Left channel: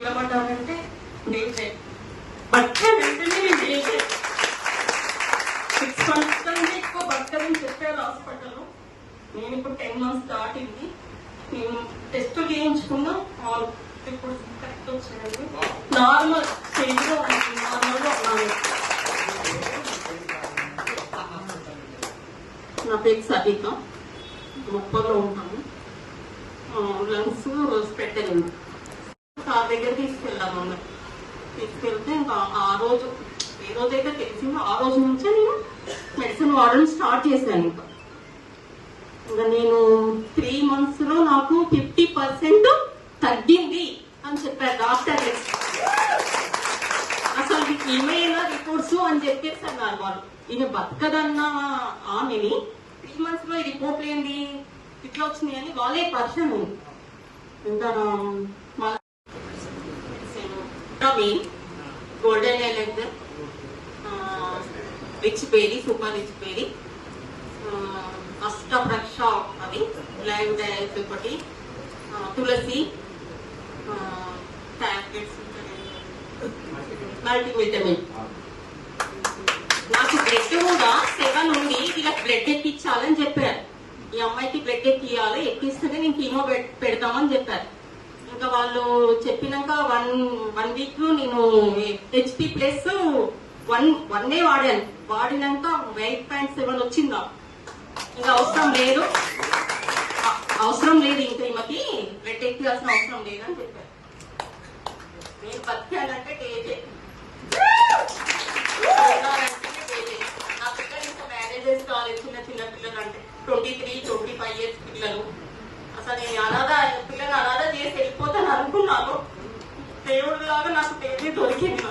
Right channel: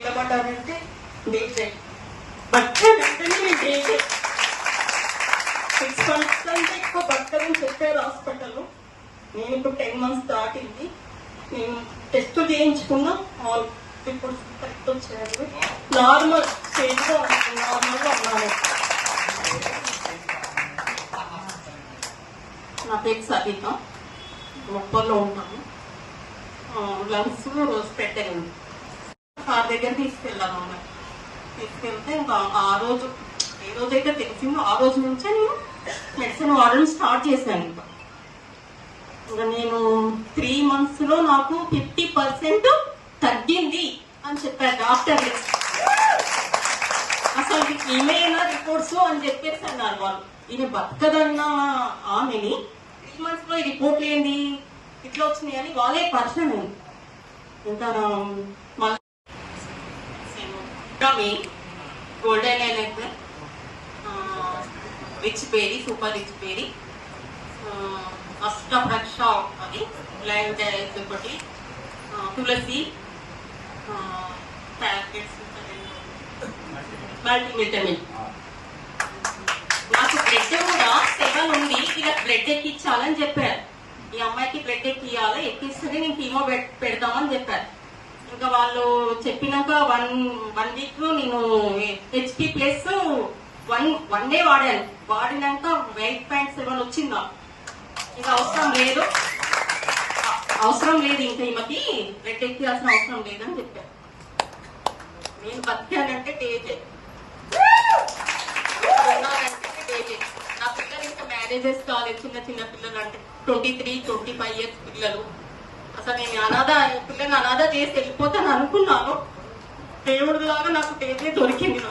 ఏమంటారంటే డేజే బట్టే వెంటనే డేజే 6 months కంటే ఎక్కువ బతకదని చెప్పారు హాస్పిటల్లో. నేను ఇప్పుడు 10 months దాటింది. నేను టెస్ట్ చేయించుకున్నా, ఆల్ రిపోర్ట్స్ కరెక్ట్ వచ్చాయండి. నార్మల్ స్టేజ్లో నార్మల్గా ఉన్నాను. నా పేరు సబీనా, గొప్పలో ఉంటాను. లంగ్స్ స్ప్రెడ్ అయింది. సార్ దగ్గర తీసుకెళ్ళాము. తీసుకెళ్తే ఇంకా ఆ రోజు ఏ రోజైతే తెలిసిందో ఆ రోజు నుంచే నేను మెడిసిన్ వాడడం స్టార్ట్ చేశాను. ఇంకా నేను 3 months లో నాకు 50% తగ్గింది అని చెప్పారు డాక్టర్. అసలు ఏమైనా రిపోర్ట్స్ అని చెప్పేసి అన్నారు వాళ్ళు. ఇది బతకదన్న ఆమెని 3 months లో రిపోర్ట్ ఏంది ఇట్లా వచ్చినాయి అని వాళ్ళే పర్సన్. ఇంకా గోల్డెన్ ఎలెక్ట్, rich berry, super rich berry, అష్టభక్ష అది బ్లైండ్ ఒకటి, తులసి ప్యాకెట్స్, మల్టీవిటమిన్. నాకు బ్లడ్ కూడా 7 ఉంది. ఇలా బ్లడ్ ఎక్కించాలని చెప్పారు. ఈ అమ్మాయికి బ్లడ్ ఎక్కియాలి, ఎక్కిస్తేనే నేను కీమో పెడతామని చెప్పారు. ఇంకా వాళ్ళు చెప్పినాక 1 week లో నేను HP ప్లస్ 1 day వాడాను. వాడినాక 8.7 వచ్చిందా. ఇంకా అవసరం లేదు ఇంకా ఈమెకి బ్లడ్ ఎక్కియాల్సిన అవసరం లేదని చెప్పారు. నేను బతికానంటే డేజే, నా పిల్లలు ఇంకా మ్యారేజెస్ కాలేదు. చిన్న పిల్లలు అంటే 23, 25 years పిల్లలు. అసలు నేను పిల్లల్ని అనాథ చేసి వెళ్ళిపోతాను అనుకున్నాను. దేవుడు లాగా నాకు డేజే దొరికింది.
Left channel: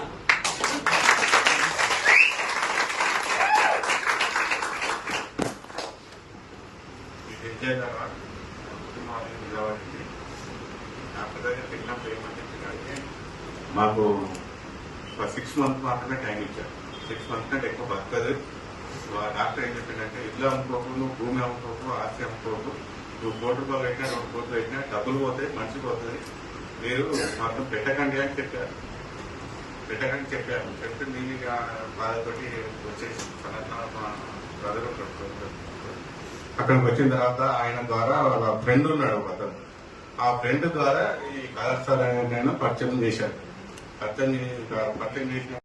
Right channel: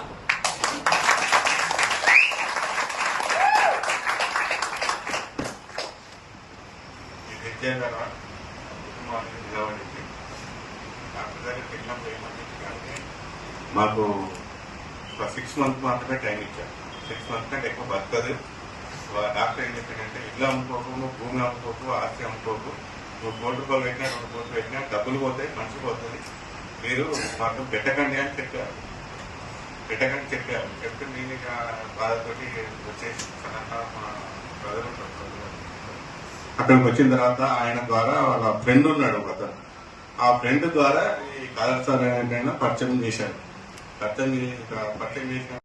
మాకు 6 months మాత్రమే టైం ఇచ్చారు. 6 months కంటే ఎక్కువ బతకదు. డాక్టర్ ఏం చెప్పారంటే ఇల్లు అమ్ముకోకు, భూమి అమ్ముకోకు, ఆస్తి అమ్ముకోకు, 3 కోట్ల రూపాయలు పెట్టినా 2 కోట్లు పెట్టినా డబ్బులు పోతాయి, మర్చిపోతుంది, మీరు మాకు పెట్టకండి అని చెప్పారు. చెప్తే నేను బాధతోటి వచ్చేసి అక్కడికి వచ్చిన తర్వాత ఆయన ద్వారా ఫ్రెండ్ ఉన్నాడు అతను. ఆ ఫ్రెండ్ ద్వారా ఈ కాదర్ సార్ పరిచయం చేశారు. పరిచయం చేసిన